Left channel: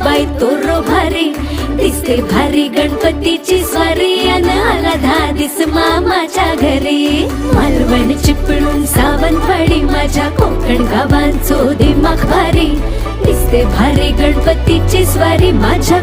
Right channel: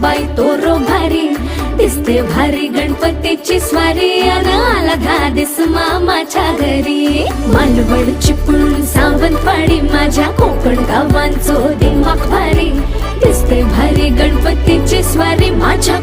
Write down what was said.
बाई तोरो भारी दिसते भारी गणपतीची स्वारी अन आला धादिस मामाच्या घरी मालवण चिपळूण सावंतवाडी माझ्या कोकण गावांचो दिमाग भारी दिसते भारी गणपतीची स्वारी माझ्या